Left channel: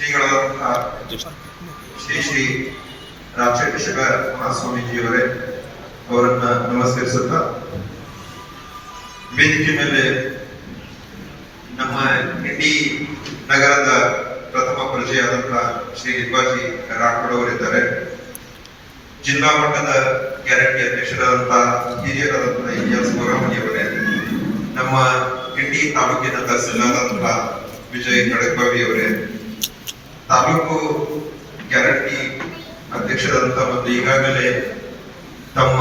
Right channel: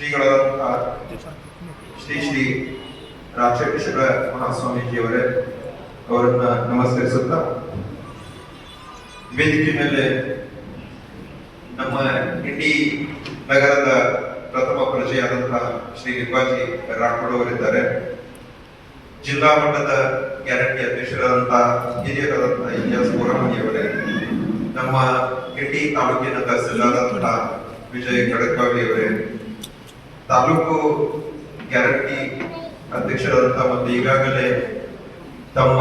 ಶ್ರೀಗಳಾದಂತಹ ಶ್ರೀ ಶ್ರೀ ರಾಮಚಂದ್ರ ಮಹಾಸ್ವಾಮೀಜಿಯವರೇ ಅವರನ್ನ ನಮಸ್ಕರಿಸುತ್ತಾ, ವೇದಿಕೆ ಮೇಲೆ ನಮ್ಮ ಇಂಡಿ ನಗರದ ಪ್ರಥಮ ಪ್ರಜೆಯಾದಂತಹ ಶ್ರೀ ಲಿಂಬಾಜಿ ರಾಠೋಡ್ ಅವರಿದ್ದಾರೆ. ಜಿಲ್ಲಾ ಮಟ್ಟದ ಗ್ಯಾರಂಟಿ ಅಧ್ಯಕ್ಷರಾದಂತಹ ಹಿರಿಯರಾದಂತಹ ಇಲಿಯಾಸ್ ಗೋರಾಮಣಿಯವರೇ, ನಮ್ಮ ಇಂಡಿ ತಾಲೂಕಿನ ತಹಸೀಲ್ದಾರಾದಂತಹ ವಿಜಯ್ ಕಡಕ್ಬಾವಿ ಅವರೇ, ತಾಲೂಕು ಗ್ಯಾರಂಟಿ ಅಧ್ಯಕ್ಷರಾದಂತಹ ಮತ್ತು ಈಗಾಗಲೇ ತಮ್ಮ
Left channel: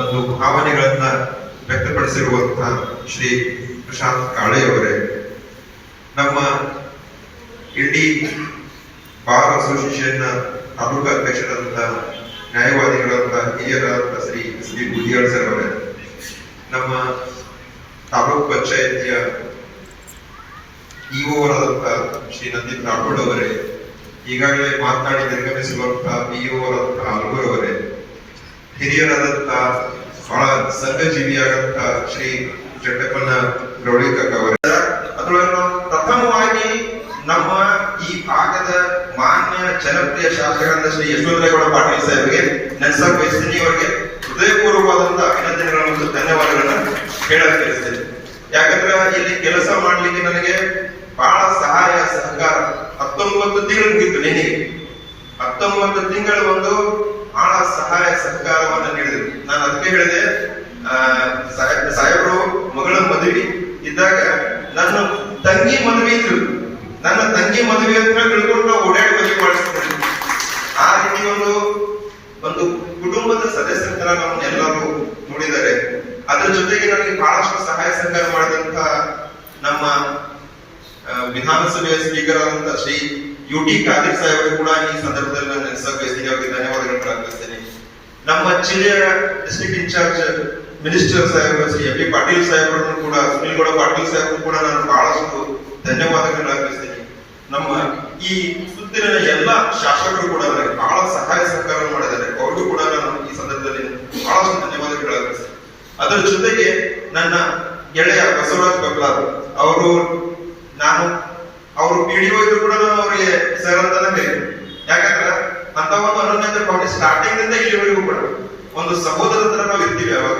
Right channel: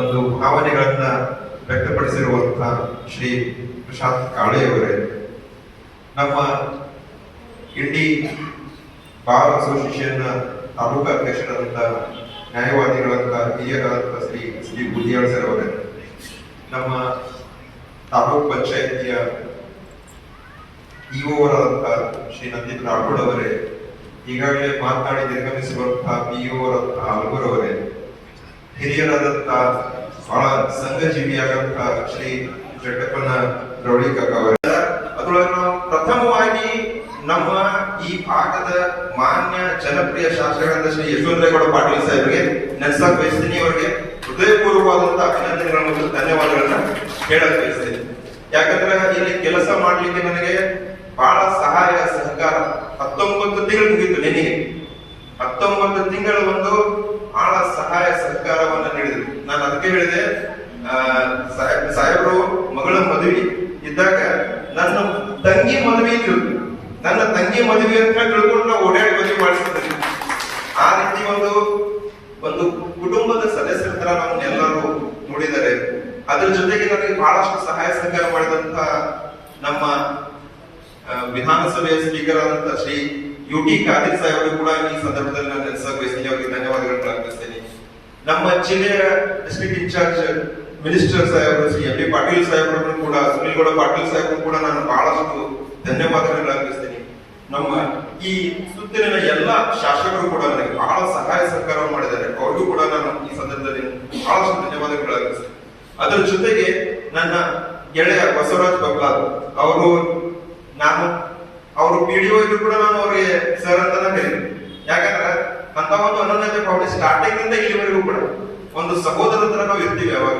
ಒಂದು ಭಾವನೆಗಳನ್ನ ವ್ಯಕ್ತಪಡಿಸಿರುವಂತಹ ಶ್ರೀ ಪ್ರಶಾಂತ್ ಕಾಳೆಯವರೇ, ನಮ್ಮ ಇಂಡಿ ಬಾರ್ ಅಸೋಸಿಯೇಷನ್ ತಾಲೂಕು ಅಧ್ಯಕ್ಷರಾದಂತಹ ನ್ಯಾಯವಾದಿಗಳಾದಂತಹ ಹಿರಿಯರಾದಂತಹ Shri S D Budiyal sir ಅವರೇ, ನಮ್ಮ ತಾಲೂಕು ಪಂಚಾಯತಿಯ ಇಒ ಅವರಾದಂತಹ ಶ್ರೀ ನಂದಿತ್ ರಾಠೋಡ್ ಅವರೇ, ಈಗಾಗಲೇ ಮಾತನಾಡಿ ನಿರ್ಗಮಿಸಿರುವಂತಹ ಪಿಇಒ ಅವರಾದಂತಹ ಅಲ್ಗೂರ್ ಅವರೇ, ಹಿರಿಯರಾದಂತಹ ಬಹಳ ಸಂಘಜೀವಿಯಾದಂತಹ ಶ್ರೀ ಜಟ್ಟಪ್ಪನ ಗೌಳಿಕಕ್ಕ ಅವರೇ, ಅದರೊಳಗೆ ನಾವು ಪ್ರಥಮವಾಗಿ ನಮ್ಮ ಈ ಭಾಗದ ಮಾನ್ಯ ಜನಪ್ರಿಯ ಶಾಸಕರಾದ ಶ್ರೀ ಯಶವಂತರೇಗೌಡ ಪಾಟೀಲ್ ಸಾಹೇಬರಿಗೆ ನೆನಸಕ್ ಬಯಸ್ತೀನಿ. ಅವರಿಗೆ ಹೃದಯಪೂರ್ವಕವಾದಂತಹ ಅಭಿನಂದನೆಗಳನ್ನು ಮತ್ತು ಧನ್ಯವಾದಗಳನ್ನ ಹೇಳಕ್ ಬಯಸ್ತೇನೆ. ಯಾಕಂದ್ರೆ ಇಲ್ಲಿ ಕೆಲಸ ಮಾಡ್ಲಿಕ್ಕೆ ನನಗೆ ಬಹಳ ಸಹಾಯ ಸಹಕಾರ 19 ತಿಂಗಳು ಮುಗಿತು. ನಿನ್ನೆ 19 ತಿಂಗಳು ಒಂದು ಬಹಳ ಸಹಾಯ ಸಹಕಾರವನ್ನ ನೀಡಿದ್ರು. ನಾನು ಅದಕ್ಕೆ ಹೇಳಿದೆ, ಸಾಹೇಬರು ಮಗಳ ಮದುವೆ ಇದ್ದಾಗ ನನ್ನ ತಂಗಿ ಮದುವೆ ಇದ್ರು, ನನ್ನ ತಂಗಿ ಮದುವೆ ಅಂತ ತಿಳ್ಕೊಂಡು ನಾವು ಓಡಾಡಿ ಮದುವೆ ಮಾಡಿಸ್ತಿದ್ವಿ. ಆ ರೀತಿ ಒಂದು ಕುಟುಂಬದ ಸದಸ್ಯರ ತರ ನಮ್ಮನ್ನೆಲ್ಲರೂ ನೋಡಿದ್ದಾರೆ. ಅದರ ಜೊತೆಗೆ ನನಗೆ ಬಹಳಷ್ಟು ಸಹಾಯ ಸಹಕಾರ ಮಾಡಿದಂತಹ ನಮ್ಮ ವಿಧಾನಸಭೆಯ ಸ್ಪೀಕರ್ ಆದಂತಹ ಶ್ರೀ ಯುಟಿ ಖಾದರ್ ಸಾಹೇಬರು ಕೂಡ ಈ ಸಂದರ್ಭದಲ್ಲಿ ನಾನು ನೆನಸಕ್ ಬಯಸ್ತೀನಿ, ಅವರಿಗೆ ಧನ್ಯವಾದಗಳನ್ನು ಅರ್ಪಿಸ್ತೇನೆ. ನಮ್ಮ ಜಿಲ್ಲೆಯ ಡಿಸ್ಟ್ರಿಕ್ಟ್ ಇನ್ಚಾರ್ಜ್ ಮಿನಿಸ್ಟರ್ ಸಾಹೇಬರು ಶ್ರೀ ಎಂ ಬಿ ಪಾಟೀಲ್ ಸಾಹೇಬರನ್ನು ಕೂಡ, ಸುನಿಲ್ ಗೌಡ ಪಾಟೀಲ್ ಸಾಹೇಬರು ಕೂಡ ನಾನು ಬಹಳಷ್ಟು ಧನ್ಯವಾದಗಳನ್ನು ಅರ್ಪಿಸ್ತೇನೆ. ನಮ್ಮ ಈ ಸುತ್ತಲಿನ ಎಲ್ಲ ಶಾಸಕರು ಕೂಡ ನನಗೆ ಬಹಳ ಸಹಾಯ ಸಹಕಾರವನ್ನು ಮಾಡಿದ್ದಾರೆ, ಅವ್ರಿಗೂ ಕೂಡ ನಾನು ಈ ಸಂದರ್ಭದಲ್ಲಿ ಬಹಳಷ್ಟು ಧನ್ಯವಾದಗಳು ಅರ್ಪಿಸ್ತೇನೆ. ಅದರ ಜೊತೆಗೆ ನನ್ನ ಗೆಳೆಯ ಬಸವರಾಜ್ ಬಗ್ಲಾರ್ ಅವರು ಪಿಡಿಒ ಇದ್ರು ಕೂಡ ನಾನು ಅವರಿಗೆ ಸರ್ ಅಂತಾನೆ ಕರೀತೀನಿ. ಯಾಕಂದ್ರೆ ಅಂತ ಒಂದು ಅನನ್ಯತೆ ಭಾವನೆ ಸ್ಟಾರ್ಟಿಂಗ್ ಇಂದ ಇಲ್ಲಿವರೆಗೂ ಕೂಡ ಒಂದು ಸಹೋದರ ತರ ನಾವು ಇರ್ತೀವಿ. ಯಾವಾಗ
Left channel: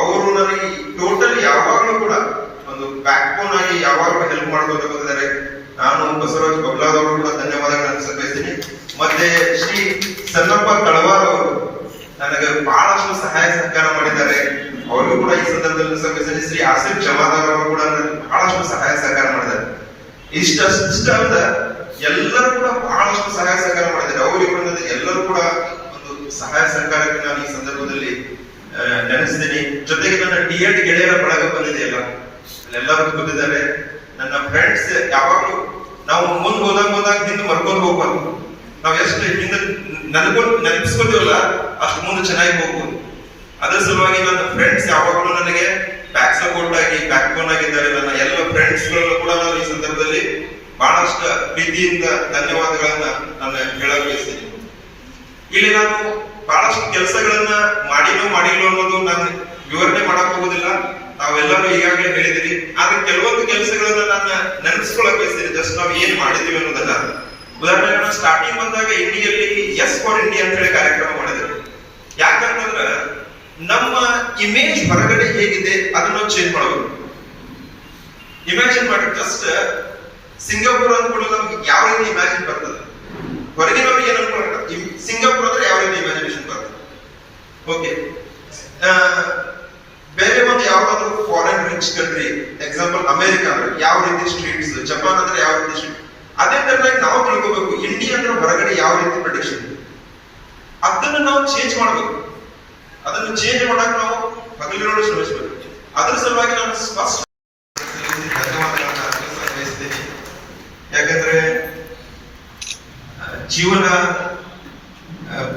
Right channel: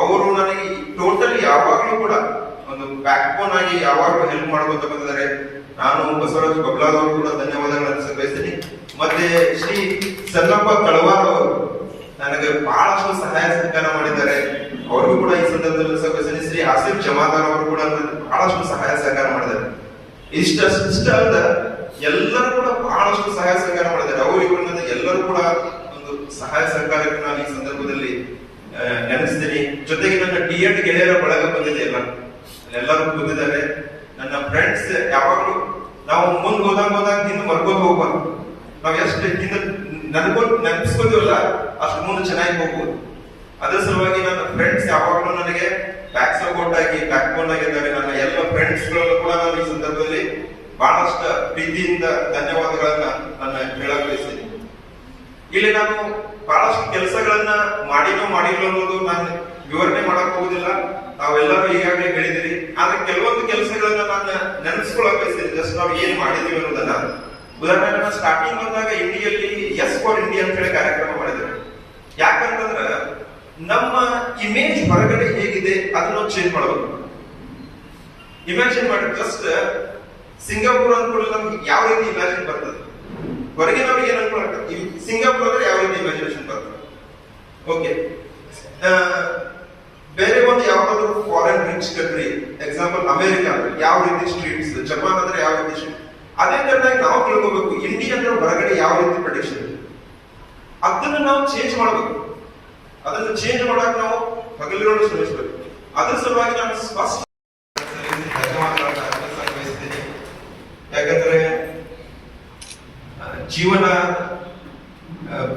ಅವರು ನನಗೆ ಟೋಟಲಿ ಯಾವಾಗ್ಲೂ ಕೂಡ ಒಂದು ಬ್ಯಾಕ್ ಬೋನ್ ಆಗಿ ಯಾವಾಗಲೂ ಹೆಲ್ಪ್ ಮಾಡ್ಕೊತ ಬಂದಿದ್ದಾರೆ. ನಾನು ಬಸವರಾಜ್ ಬಗ್ಲಾರ್ ಅವರು ಕೂಡ ಧನ್ಯವಾದಗಳನ್ನು ಅರ್ಪಿಸಕ್ ಬಯಸ್ತೀನಿ. ಮತ್ತೆ ಶ್ರೀ ಸನ್ನಪ್ಪ ಕಳವಾರ್ ಅವರು ನನಗೆ ಬಹಳಷ್ಟು ಸಹಾಯ ಸಹಕಾರ ಮಾಡಿದ್ದಾರೆ, ಅವರಿಗೂ ಕೂಡ ಈ ಸಂದರ್ಭದಲ್ಲಿ ಸಭೆ. ಶ್ರೀ ಆಸಿಫ್ ಜಮಾದಾರ್ ಅವರು ಕೂಡ ಬಹಳಷ್ಟು ಸಹಾಯ ಸಹಕಾರ ಮಾಡಿದ್ದಾರೆ. ಇಷ್ಟ ಅಲ್ಲ, ಎಲ್ಲರೂ ಕೂಡ ಬಹಳಷ್ಟು ಸಹಾಯ ಸಹಕಾರ ಮಾಡಿದ್ದಾರೆ. ಅವರಿಗೂ ಎಲ್ಲರೂ ಕೂಡ ಒಂದು ಸಹಾಯ ಸಹಕಾರಕ್ಕೆ ನಾನು ಈ ಸಂದರ್ಭದಲ್ಲಿ ನೆನೆಸ್ತೀನಿ. ಜೊತೆಗೆ ನನ್ನ ಡಿ.ಎಡ್ ಗೆಳೆಯರ ಬಳಗ ಬಂದಿದೆ, ಎಲ್ಲರೂ ಬಂದಿದ್ದಾರೆ. ನನ್ನ ಫ್ರೆಂಡ್ಸ್ ಯಾವಾಗ್ಲೂ ನಾವು ಮುಂದೆ ಹೋದಾಗ ಹಿಂದೆ ಮರ್ಕೊಂಡು ಹೋಗ್ಬಾರ್ದು. ನಾವು ಎಷ್ಟು ಹಿಂದೆ ನೆನಪಿಸ್ಕೋತೀವಲ್ಲ ಅಷ್ಟು ಮುಂದೆ ಚೆನ್ನಾಗಿ ಹೋಗ್ಬೋದು. ಅದರ ಸಲುವಾಗಿ ನನ್ನ ಫ್ರೆಂಡ್ಸ್ ಯಾವಾಗಲೂ ನನಗೆ ಬ್ಯಾಕ್ ಸಪೋರ್ಟ್ ಆಗಿ ಬ್ಯಾಕ್ ಬೋನ್ ಆಗಿದ್ದಾರೆ. ನನ್ನ ಎಲ್ಲ ಫ್ರೆಂಡ್ಸ್ ಗಳನ್ನು ಕೂಡ ನಾನು ಈ ಸಂದರ್ಭದಲ್ಲಿ ಬಹಳಷ್ಟು ಪ್ರೀತಿಯಿಂದ ಧನ್ಯವಾದಗಳನ್ನ ನಾನು ಹೇಳಕ್ ಬಯಸ್ತೀನಿ. ಇಲ್ಲಿ ನಾನು ಬಹಳಷ್ಟು ಕೆಲಸಗಳನ್ನ ಮಾಡಿಲ್ಲ ಅನ್ನೋದು ನಾನು ವಿವರಣೆ ಮಾಡಕ್ ಹೋಗುದಿಲ್ಲ, ನಾವೆಲ್ಲರೂ ಈಗಾಗಲೇ ಹೇಳಿದಿರಿ. ಆದ್ರೆ ಕೆಲವೊಂದು ಕೆಲಸಗಳನ್ನ ನಾನು ನೆನಪಿಸ್ಕೊಳಕ್ ಬಯಸ್ತೀನಿ, ಜಸ್ಟ್ ನಾವು ಏನ್ ಮಾಡಿದೀವಿ ಅನ್ನೋದನ್ನ. ಉದಾಹರಣೆಗೆ ನಾನು ಸ್ಟಾರ್ಟಿಂಗ್ ಬಂದಾಗ ಇಂಡಿಯಲ್ಲಿ ಎಸ್ ಫಾರ್ ಇಂಡಿಯಾ ಅಂತ ಹೇಳಿ ಕಾರ್ಯಕ್ರಮ ಮಾಡಿದ್ರು. ಯಾಕಂತಂದ್ರೆ ನಮ್ಮ ಇಮೇಜ್ ಹೊರಗಡೆ ಹೇಗಿದೆ ಅದನ್ನ ಚೇಂಜ್ ಮಾಡಬೇಕು. ಇಮ್ಯಾಜಿನ್ ಮಾಡಿ, ಜಸ್ಟ್ ಸಿಂಗಾಪುರ್ ಅಂದ್ಕೊಳ್ಳಿ ನಮ್ಗೆ ಯಾವ ರೀತಿ ಇಮ್ಯಾಜಿನ್ ಬರ್ತದೆ, ಹೊರಗೆ ನಮ್ಗೆ ಏನ್ ಅನ್ಕೊಳ್ಳ ಸಿಂಗಾಪುರ್ ಅಂದ್ರೆ ಯಾವ ರೀತಿ ಇಮ್ಯಾಜಿನೇಷನ್ ಬರ್ತದೆ. ಓಕೆ, ಬೇರೆ ಒಂದು ಯಾವ್ದಾದ್ರು foreign rich country, example America ಅಂದ್ರೆ ಯಾವ ರೀತಿ ಸ್ಟ್ರೀಟ್ಸ್, ಜಪಾನ್ ಅಂದ್ರೆ ಯಾವ ರೀತಿ ಸ್ಟ್ರೀಟ್, ಅದೇ ತರನಾಗಿ ನಾವು ತಿಳ್ಕೋಬೇಕು ಇಂಡಿಯಾ ಅಂದ್ರೆ ಹೊರಗಡೆ ಯಾವ ರೀತಿ ಪ್ರೊಡಿಕ್ಷನ್, ಅದನ್ನ ನಾವು ಚೇಂಜ್ ಮಾಡ್ಬೇಕು. ಅದನ್ನು ಚೇಂಜ್ ಮಾಡಕ್ ನಾವು ಹಗಲಿರೋಡು ಶ್ರಮಿಸಬೇಕು. ಅದ್ರ ಸಲುವಾಗಿ ನಾನು ಸ್ಪಷ್ಟ ಧನ್ಯವಾದಗಳನ್ನ ಅರ್ಪಿಸತೀನಿ. ಯಾಕಂದ್ರೆ ಜೀವನ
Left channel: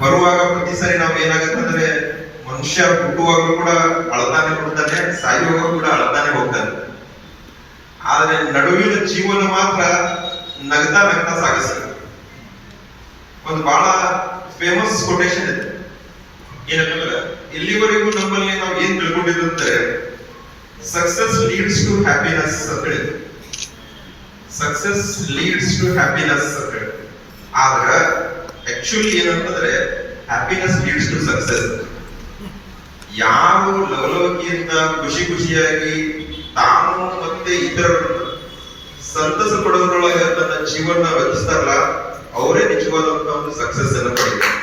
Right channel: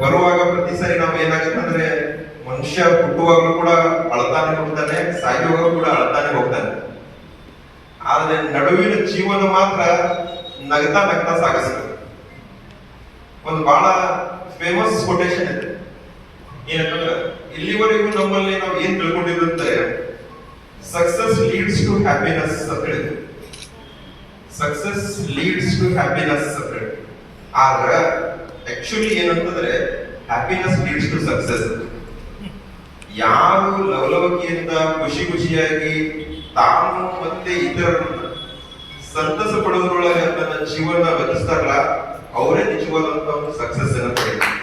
ಬರುವಾಗ ಪ್ರತಿ ಸಾರಿ ನಾವು ಏನಾಗತ್ತಂದ್ರೆ ಮನುಷ್ಯ ಹುಟ್ಟುವಾಗಲೂ ಕೂಡ ಅಳತಾನೆ ಹುಟ್ಟುತ್ತಾನೆ, ಸಾಯುವಾಗ ಕೂಡ ಅಳತಾನೆ ಹೋಗ್ತಾನೆ. ಆದ್ರೆ ನಡುವಿನ ಜೀವನ ಮಾತ್ರ ನಗ್ತಾ ಸಾಗಿಸ್ತದೆ. ಒಂದು ಬಹಳ ಫೇಮಸ್ ಕೊಟೇಶನ್ ಇದೆ, ಏನಂತಂದ್ರೆ ಇಲ್ಲಿವರೆಗೂ ನಮ್ಮಲ್ಲಿ ನಾವು ಏನ್ ತಿಳ್ಕೊಂಡಿದ್ದಂದ್ರೆ ಸಕ್ಸಸ್ ಲೀಡ್ಸ್ ಟು ಹ್ಯಾಪಿನೆಸ್ ಅಂತ ಹೇಳಿದ್ವಿ. ಸಕ್ಸಸ್ ಲೀಡ್ಸ್ ಟು ಹ್ಯಾಪಿನೆಸ್ ಅಂತ ಹೇಳಿ. ಆದ್ರ ಆಕ್ಚುಲಿ ಏನಂತಂದ್ರೆ ಹ್ಯಾಪಿನೆಸ್ ಲೀಡ್ಸ್ ಟು ಸಕ್ಸಸ್. ಯಾವ ಲವಲವಿಕೆಯಿಂದ ಖುಷಿ ಖುಷಿಯಾಗಿ ತಾನು ಮತ್ತೆ ಇತರರನ್ನ ಸಂತಸ ಪಡುವುದರೊಳಗೆ ತನ್ನ ಜೀವನ ವ್ಯತಿಸ್ತಾರಲ್ಲ, ಅವರೇ ನಿಜವಾದಂತ ಒಂದು ಸಕ್ಸಸ್ ಅನ್ನು ಪಡೆಯುತ್ತಾರೆ.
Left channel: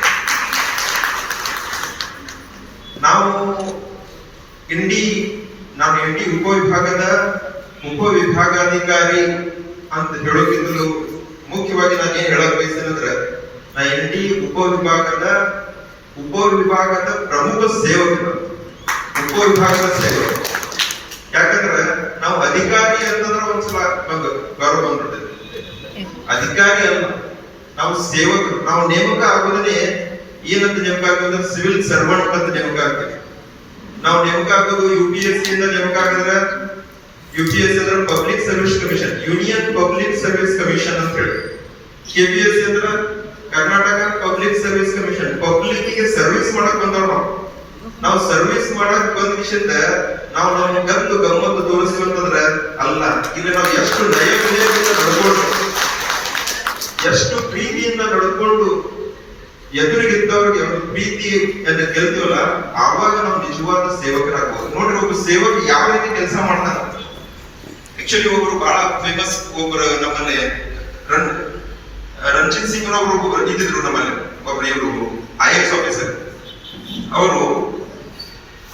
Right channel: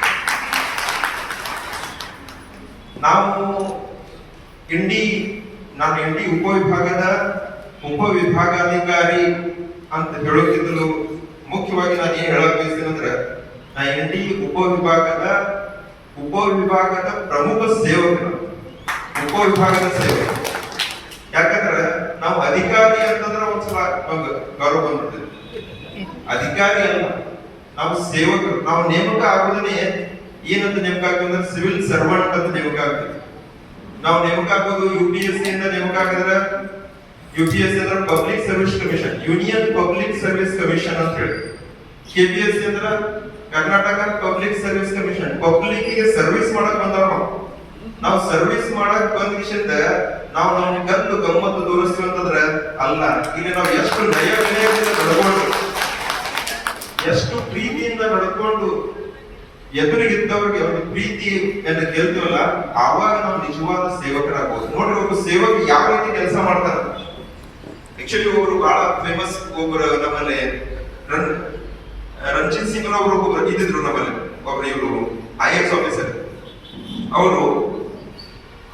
ನಾನು ಇಂಡಿ ಉಪವಿಭಾಗಾಧಿಕಾರಿ ಅಂತ ಹೇಳೋಕ್ಕಿಂತಲೂ ಮುಖ್ಯವಾಗಿ ನಾನು ಏನ್ ಹೇಳಕ್ ಬಯಸ್ತೇನೆ ಅಂದ್ರೆ, ನಾ ಇಂಡಿ ಉಪವಿಭಾಗದ ಪ್ರಮುಖ ಸೇವಕ, ಉಪವಿಭಾಗದ ಸೇವಕ. ಯಾಕಂದ್ರೆ ನಾವು ಅಧಿಕಾರಿ ಅಂತಂದ್ರೆ ಒಂದ್ಸಲ ಗೌರವ ಬಂದ್ಬಿಡ್ತೇವೆ. ಅಧಿಕಾರಿ ಅಲ್ಲ, ನಾವು ಸೇವಕರು. ನಾವು ನೇಮಕ ಆಗೋದನ್ನೇ ಏನಂತ ನೇಮಕ ಆಗ್ತದೆ ಅಂದ್ರೆ ಸಿವಿಲ್ ಸರ್ವೆಂಟ್ ಅಂತ ನೇಮಕ ಆಗ್ತೀವಿ. ನಾವು ನೇಮಕ ಆಗೋದು UPSC ಇಂದ ನೇಮಕ ಆಗಿದ್ರೆ, UPSC ಅಂದ್ರೆ public service commission, union public service commission ಅಂತ ಹೇಳಿ. KPSC ಅಂದ್ರೆ Karnataka public service commission. Public ಗೆ ಸರ್ವಿಸ್ ಮಾಡಕ್ ಬಂದವ್ರು ನಾವು ಸರ್ವಿಸ್ ಮಾಡಕ್ ಬಂದ ವಿಷಯದ ನಾವು ನಮ್ಮ ಗದ್ದು ಗಮ್ಮತ್ತು ತೋರಿಸ್ತೀವಿ ಅಂತಂದ್ರೆ ಅಲ್ಲ. ಇಲ್ಲಿ ನಾವು ಎಷ್ಟು ನಯ ವಿನಯದಿಂದ ನಡ್ಕೊಂಡು, ಎಷ್ಟು ಪ್ರೀತಿಯಿಂದ ನಡ್ಕೊಂಡು ಎದುರಿಗಿದ್ದವ್ರಿಗೆ ಒಂದು ಪ್ರೀತಿಯನ್ನು ಗೆಲ್ತೀವಲ್ಲ, ಆವಾಗ ನಾವು ನಿಜವಾದ ಸೇವಕರಾಗಬಹುದು. ನೋಡ್ರಿ, ಒಬ್ಬ ಸೇವಕ ಯಾವ ರೀತಿ ಕೆಲಸ ಮಾಡ್ತಾನ. ಆಕ್ಚುಲಿ ಒಬ್ರು ಬಹಳ ಫೇಮಸ್ ಒಬ್ಬರು ನಮ್ಮಲ್ಲಿ ರಂಜಿತ್ ಸಿಂಗ್ ಒಬ್ರು ಇದ್ದಿದ್ರು ನಮ್ಮಲ್ಲಿ. ಒಬ್ರು ಇವರು IAS ಆಫೀಸರ್.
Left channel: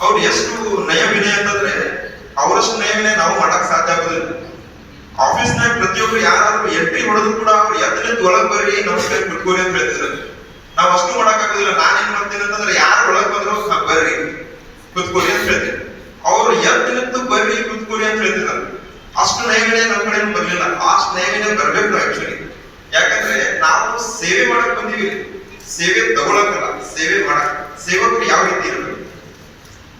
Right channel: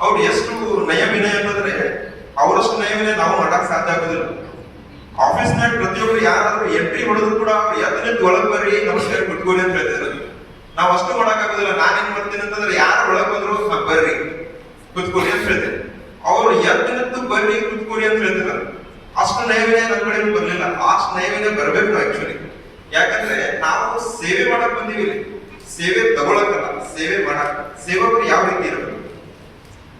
ಅವ್ರು ಎಷ್ಟು ನಯ ವಿನಯ ಅಂತಂದ್ರೆ ಅವರಷ್ಟು ನಯ ವಿನಯ ನಾವು ಮಾಡಕ್ ಸಾಧ್ಯ ಆಗೋದಿಲ್ಲ. ಆಫೀಸ್ನಾಗ ಪ್ರತಿಯೊಬ್ರು ಯಾರಾದ್ರೂ ಎಂಟ್ರಿ ಹೊಡೆದ್ರು ಕೂಡ ಅವ್ರು ಎತ್ತಲಿದ್ದು ಒಳಗ್ ಬರ್ರಿ, ನಮಸ್ಕಾರ ಕುತ್ಕೋರಿ ಅಂತ ಹೇಳ್ತಿದ್ರು. ನಾವ್ ಅಷ್ಟು ಮಾಡಕ್ ಆಗೋದಿಲ್ಲ. ನಾನೇನ್ ಮಾಡ್ತೀನಿ ಅಂತಂದ್ರೆ ಯಾರು ಒಳಗ್ ಬಂದ್ರು ಬರ್ರಿ ಕುತ್ಕೋರಿ ಅಂತ ಹೇಳ್ತೀನಿ. ಅವ್ರು ಎತ್ತಲಿದ್ದು ಬರ್ರಿ ಕುತ್ಕೋರಿ ಅಂತ ಹೇಳ್ತಿದ್ರು. ಅಷ್ಟು ನಯ ವಿನಯ ನಮ್ಮ ಕಡೆ ಬರ್ಲಿಲ್ಲ. ಅಷ್ಟು ನಯ ವಿನಯ ಬರ್ಬೇಕು ನಾವು ಆಕ್ಚುಲಿ. ಯಾಕಂದ್ರೆ ನಾವು ಸೇವೆ ಮಾಡಕ್ ಬಂದೀವಿ, ಸೇವೆ ತಗೊಳಕಲ್ಲ, ಸೇವೆ ಮಾಡಕ್. ಸೇವಕರು ಯಾವ ರೀತಿ ಇರಬೇಕು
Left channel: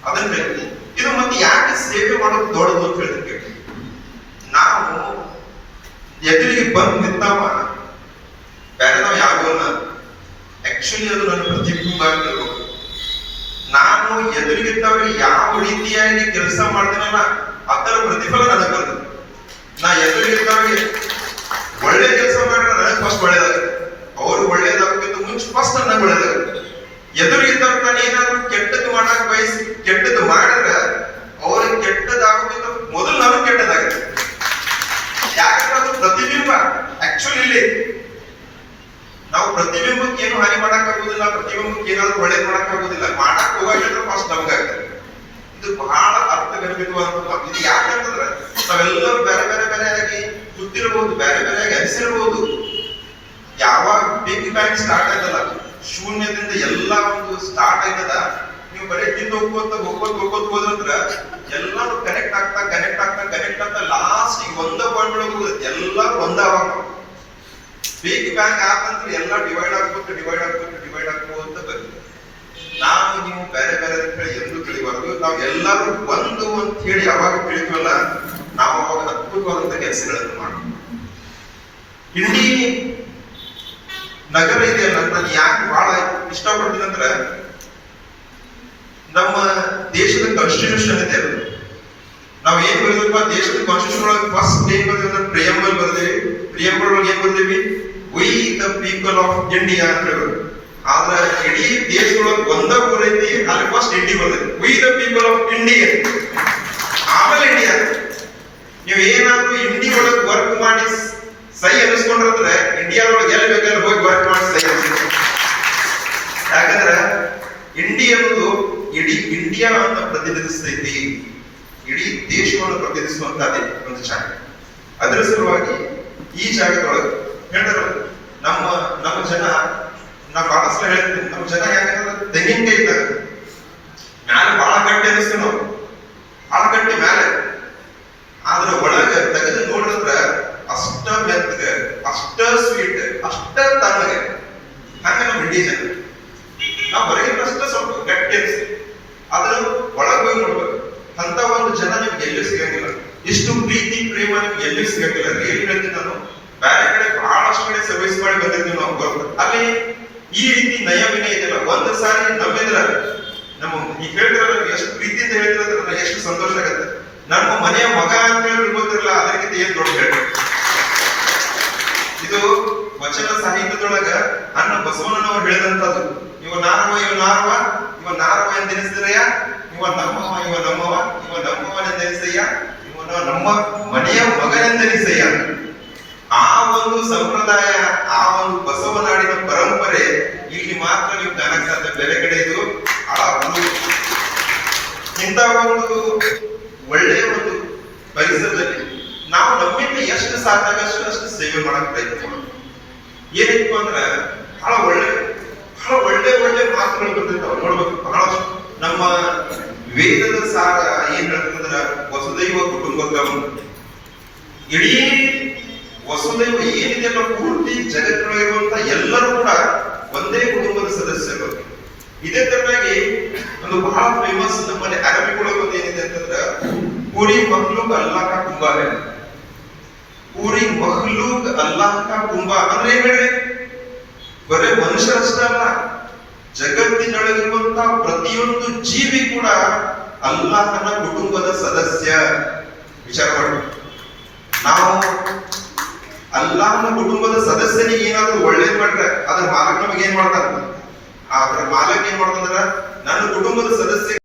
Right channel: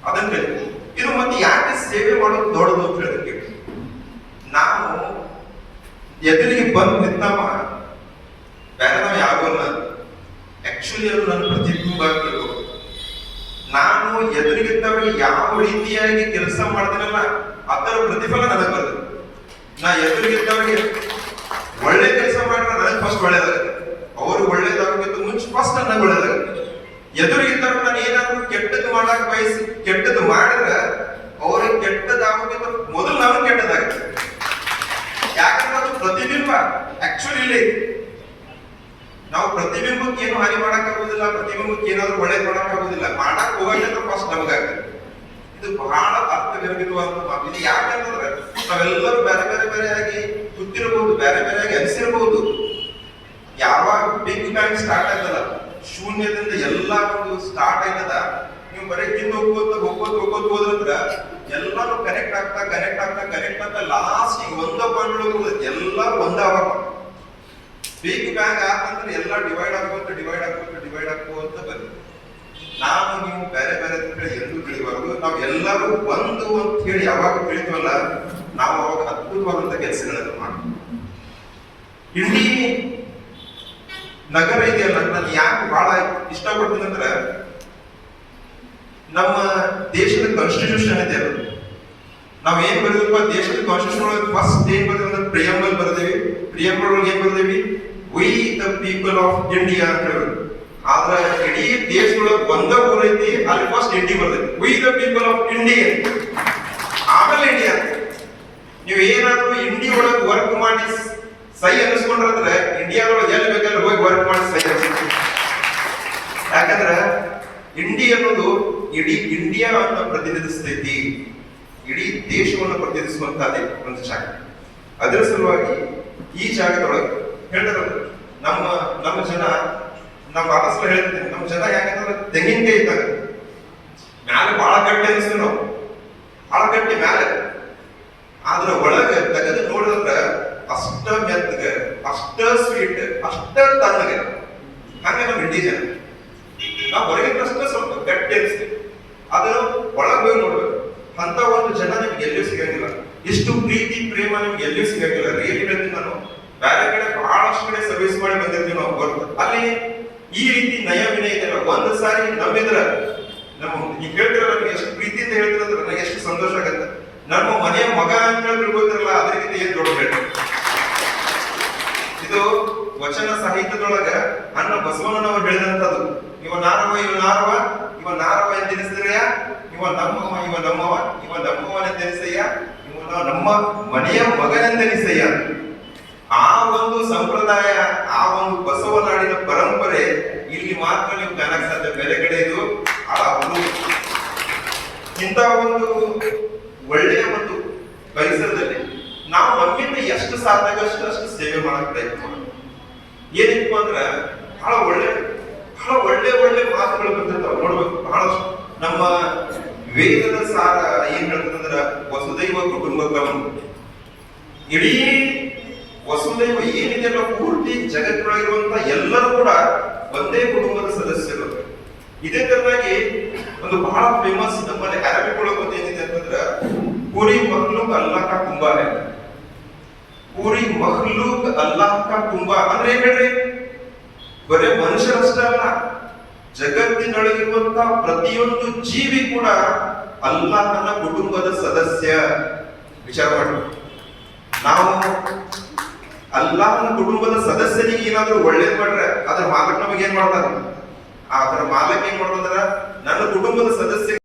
ಅದನ್ನ ಹೇಳ್ತೀವಿ. ಇದು ಮತ್ತೆ ಯಾಕೆ ಸೇವೆ ಮಾಡೋದು ದೊಡ್ಡದು ಅಂತ ಹೇಳ್ತೀವಿ. ನಾವು ಎದುರಿಗೆ ಬಂದು ನಿಂತಾವ ಬೇರೆ ನಾವು ಯಾರು ಅಲ್ಲ. ಆಕ್ಚುಲಿ ಅದು ನನ್ನ ಪ್ರತಿಬಿಂಬ ಆಗಿರ್ಬೇಕು. ನಾನು ಎದುರಿಗಿದ್ದವರಿಗೆ ಯಾವ ರೀತಿಯಾಗಿ ಕೆಲಸ ಮಾಡ್ತೀನಲ್ಲ ಅದರ ಪ್ರತಿಫಲ ನನಗೆ ಬರ್ತದೆ. ನಾ ಎದುರಿಗಿದ್ದವರಿಗೆ ಒಳ್ಳೆ ಕೆಲಸ ಮಾಡಿದ್ರೆ ನನಗೆ ಫಸ್ಟ್ ಒಳ್ಳೇದಾಗುತ್ತೆ. ಅವರು ಒಳ್ಳೇದಾಗೋಕ್ಕಿಂತ ಮುಂಚೆ ಫಸ್ಟ್ ನನಗೆ ಒಳ್ಳೇದಾಗುತ್ತೆ. ಎದುರಿಗಿದ್ದವ್ರು ನಾನು ಏನಾದ್ರು ಕೆಟ್ಟದ್ದು ಮಾಡಕ್ ಬಯಸಿ ಕೆಟ್ಟದ್ದು ಮಾಡಿದ್ರೆ ಅವ್ರಿಗೆ ಕೆಟ್ಟದಾಗೋಕ್ಕಿಂತ ಮೊದಲು ನಾನು ಕೆಟ್ಟದಾಗುತ್ತೆ. ಯಾಕಂದ್ರೆ ಅದು ಪ್ರತಿಬಿಂಬ. ಆಕ್ಚುಲಿ ಇಲ್ಲಿ ನಾವು ಪ್ರತಿಬಿಂಬಕ್ಕೆ ಏನು ಹಾನಿ ಮಾಡಕ್ ಆಗುದಿಲ್ಲ, ಪ್ರತಿಬಿಂಬಕ್ಕೆ ಏನಾದ್ರು ಒಳ್ಳೇದು ಮಾಡಕ್ ಆಗುದಿಲ್ಲ. ಮಾಡಕ್ ಹೋಗಂದ್ರೆ ಫಸ್ಟ್ ನಮಗಾಗ್ತದೆ. ಇದು ಬಹಳ ಅರ್ಥಗರ್ಭಿತವಾದ ಮಾತು. ಇದು ಯಾಕಂತಂದ್ರೆ ನಾವೆಲ್ಲರೂ ಬೇರೆ ಬೇರೆ ಬೇರೆಯಾಗಿ ಗೊತ್ತಿರಬಹುದು, ಬೇರೆ ಬೇರೆಯಾಗಿ ಅನಿಸಿರಬಹುದು. ಯಾವಾಗ ಬಿಗ್ ಬ್ಯಾಂಗ್ ಸ್ಟಾರ್ಟ್ ಆಯ್ತಲ್ಲ, ಶೂನ್ಯದಿಂದ ಎಲ್ಲ ಒಂದು ಸ್ಟಾರ್ಟ್ ಆಯ್ತದ, ನೀವು ಬರೀ ಹಿಂದೆ ಹೋಗ್ಕೋತ ಹೋದ್ರಂದ್ರ ಎಲ್ಲಾನು ಕನೆಕ್ಟ್ ಆಗ್ತಾ ಲಾಸ್ಟ್ ಒಂದ ಪಾಯಿಂಟ್ ಒಳಗೆ ಹೋಗುತ್ತೆ. ಎಲ್ಲರೂ ಒಂದಾವಾಗ ಬಿಗ್ ಬ್ಯಾಂಗ್ ಆತಂದ್ರೆ ಎಲ್ಲ ಡಿವೈಡ್ ಆಗ್ಕೋತ ಬರುತ್ತೆ. ನಾವು ನೀವು ಬೇರೆ ಬೇರೆ ಅಂತ ಹೇಳಿ ಎಂದು ತಿಳಿಬಾರ್ದು. ನಾವು ಎಲ್ಲರೂ ಒಂದು ಅಂತ ಹೇಳಿ ಯಾವಾಗ ತಿಳಿತೀವಲ್ಲ, ನಾವು ಅವಾಗ ಅದ್ಭುತವಾದಂತ ಕೆಲಸಗಳನ್ನು ಮಾಡ್ತೀವಿ. ಇಂಡಿ ನಗರ ಇದೆಯಲ್ಲ, ನಾನು ಯಾಕೆ ಬಹಳ ಇಷ್ಟಪಡ್ತೀನಿ ಅಂದ್ರೆ, ನಮ್ಮ ದೇಶದ ಕಾನ್ಸ್ಟಿಟ್ಯೂಷನ್ ಇದೆ. ನಾವ್ ಏನ್ ಬರೆದಪ್ಪ ದೇಶದ ಕಾನ್ಸ್ಟಿಟ್ಯೂಷನ್ ಒಳಗೆ ಫಸ್ಟ್ ಏನ್ ಬರ್ದೇವಿ ಅಂದ್ರೆ ಪ್ರಿಯಂಬಲ್ ಬರ್ದೇವಿ. ಪ್ರಿಯಂಬಲ್ ಒಳಗೆ ಏನ್ ಬರ್ದೇವಿ? We the people of India ಅಂತ ಹೇಳಿ. ಆದ್ರ ಇಡೀ ದೇಶದೊಳಗೆ ಒಂದ ಊರ್ ಐತಿ, ಅಲ್ಲಿ ಫಸ್ಟ್ ಇಂಡಿ ಬರ್ತೈತಿ. V the people of India, ಆಮೇಲೆ ಇಂಡಿಯಾ. ನೀವು ಏನಾದ್ರು ಇಂಡಿ ಒಳಗೆ ವರ್ಕ್ ಮಾಡಿ ಸೈ ಅನಿಸ್ಕೊಂಡ್ರೆ ಇಂಡಿಯಾದೊಳಗೆ ಎಲ್ಲಿ ಬೇಕಾದ್ರೆ ಹೋಗಿ ವರ್ಕ್ ಮಾಡಿ ಸೈ ಅನಿಸ್ತೀವಿ. ಯಾಕಂದ್ರೆ ಇಂಡಿ ಅನ್ನೋದು ಇಡೀ ಇಂಡಿಯಾ ಅಂತ ಪ್ರತಿನಿಧಿಸ್ತೈತಿ, ಇಡೀ ದೇಶವನ್ನು ಪ್ರತಿನಿಧಿಸುವಂತಹದ್ದೇ ಒಂದು ಜಾಗ. ಅದರ ಸಲುವಾಗಿ ಈ ಜಾಗದೊಳಗೆ ಹೇಳಿದ್ರು ನಮ್ಮ ಜನ, ನಾ ಬಹಳ ಸಲ ಹೇಳ್ತೀನಿ, ನಮ್ಮ ಜನ ಯಾಕಂದ್ರೆ ತೆಂಗಿನಕಾಯಿ ಇದ್ದಾಗ ಮ್ಯಾಲೆ ಬಹಳ ಗಟ್ಟಿ ಅನಿಸ್ತೀವಿ ನಾವು, ಬಹಳ ಗಟ್ಟಿ ಮ್ಯಾಲೆ. ಆದ್ರ ಒಳಗ ತೆಗೆದು ನೋಡಿದ್ರ ಅಷ್ಟ ಮೆತ್ತಗೆ, ಅಷ್ಟ ಸ್ವೀಟ್, ಅಷ್ಟ ತಣ್ಣಗೆ. ಹಂಗ ನಮ್ಮ ಇಂಡಿ ಜನ ನಾವು ಹೊರಗಿನಷ್ಟ ಸ್ವಲ್ಪ ಗಟ್ಟಿ ಅನಿಸ್ತೀವಿ, ಅದನ್ನು ಒಳಗೆ ಹೋಗಿ ನೋಡ್ಬೇಕು. ಅಂತ ಒಂದು ಜನ ನಿಮ್ಗೆ ಎಲ್ಲಿಯೂ ಸಿಗಂಗಿಲ್ಲ. ಇಷ್ಟು ಪ್ರೀತಿ ಪ್ರೇಮ ನಿಮ್ಗೆ ಎಲ್ಲಿಯೂ ಸಿಗಂಗಿಲ್ಲ. ಏನ್ ಹೇಳ್ತೀನಿ ನಾನು, ಬೇರೆ ಕಡೆ ಬಹಳಷ್ಟು ಕಡೆ ಸರ್ವಿಸ್ ಮಾಡಿ ಬಂದಿರ್ತೀವಿ ನಾವು ಬರ್ಬೋದು. ಅಲ್ಲಿ ಈ ರೀತಿ ನಯ ವಿನಯ ಇದೆಯಲ್ಲ, ಒಂದು ಸಾರಿ ನಂಬಿದ್ರ ನಮ್ಮ ಈಗ ಹೇಳ್ತಿರಲ್ಲ, ಎಷ್ಟು ಪ್ರೀತಿಯಿಂದ ಹೇಳ್ತಿರೋದ್ರ ನನಗೆ ಎಷ್ಟು ಸಂತೋಷ ಆಗತ್ತೆ. ನಮ್ಮ ಮನೆಯ ಮಗ ಅಂತ ಹೇಳಿ ಗೊತ್ತಿರಲ್ಲ, ಅದಕ್ಕಿಂತ ಏನ್ ದೊಡ್ಡ ಹೇಳ್ತಾರೆ. ವಚನ ಸಾಹಿತ್ಯದೊಳಗ ಅನ್ನ ಬಸವಣ್ಣನವರು ಹೇಳಿದಂತದ್ದು, ಇವ ನಾರವ ಇವ ನಾರವ ಇವ ನಾರವ ಎಂದೆನಿಸಿದ್ರಯ್ಯ, ಇವ ನಮ್ಮವ ಇವ ನಮ್ಮವ ಇವ ನಮ್ಮವನೆಂದೆನಿಸಯ್ಯ, ಇವನ ನಮ್ಮ ಮನೆಯ ಮಗನೆಂದೆನಿಸಯ್ಯ. ಆ ಒಂದು ಸಂಪ್ರದಾಯ, ಆ ಒಂದು ಬಸವನಾಡಿನ ಪರಂಪರೆ ಇಲ್ಲಿ ಮಾತ್ರ ನೀವು ಕಾಣಕ್ ಸಾಧ್ಯ, ಬೇರೆ ಕಡೆ ಇದು ಇಂಥ ಒಂದು ಒಳ್ಳೆಯ ಒಂದು ಪರಿಸರದಲ್ಲಿ ನಾವು ನಮ್ಮಿಂದ ಎಷ್ಟು ಸಾಧ್ಯ ಅಷ್ಟು ಸೇವೆ ಮಾಡಕ್ ಪ್ರಯತ್ನ ಮಾಡೋದು. ಏನಿತ್ತು ಅಂದ್ರ ಬಹಳ ಒಳ್ಳೆ ಮಾತುಗಳು ಬರ್ತಿರ್ತಾವ ನೋಡ್ಬೇಕು. ಬಹಳಷ್ಟು ನಮ್ಮ ವೇದದ ಸಾರ ಏನ್ ಹೇಳ್ತದಂದ್ರ ವಸುದೈವ ಕುಟುಂಬಕಂ. ಇಡೀ ವಸುದೈವ ಏನಿದೆಯಲ್ಲ ಪೂರ್ತಿ ಜಗತ್ತಿನೊಳಗಿರುವಂತ ಎಲ್ಲರೂ ಕೂಡ ಒಂದೇ ಕುಟುಂಬದ ಸದಸ್ಯರು. ಇದೇ ತರನಾಗಿ ಒಂದು ಬಹಳ ಫೇಮಸ್ ನಮ್ಮಲ್ಲಿ ಅರಬಿಕ್ ಒಳಗೆ ಒಂದು ಏನಿದೆ ಅಂತಂದ್ರ ಪೂರಿ ಮಖ್ಲೂಕ್ ಅಲ್ಲಾಹ್ ಕಾ ಕುಂಬಾ ಹೈ. ಪೂರಿ ಮಖ್ಲೂಕ್ ಅಲ್ಲಾಹ್ ಕಾ ಕುಂಬಾ ಅಂದ್ರೆ ಏನ್ ಹೇಳ್ರಿ, ಬರೇ ಮನುಷ್ಯರಷ್ಟೇ ಅಲ್ಲ, ಜಗತ್ತಿನೊಳಗಿರುವಂತ ಪ್ರತಿಯೊಂದು ಜೀವಿ ಕೂಡ ಅಲ್ಲಾಹನ ಕುಟುಂಬದ ಸದಸ್ಯ. ವಿಚಾರ ಮಾಡಿ, ನಾವು ಅಲ್ಲಾಹನ ಕುಟುಂಬದ ಸದಸ್ಯನಿಗೆ ಏನಾದ್ರೂ ಒಳ್ಳೇದ್ ಮಾಡ್ರೆ ಅದ್ರ ಮಾಲಕ್ ನಮಗೆ ಏನ್ ಮಾಡ್ತಾನ, ಅದರ ಮಾಲಕ್ ಏನ್ ಮಾಡ್ತಾನ, ನನ್ನ ಕುಟುಂಬದ ಸದಸ್ಯ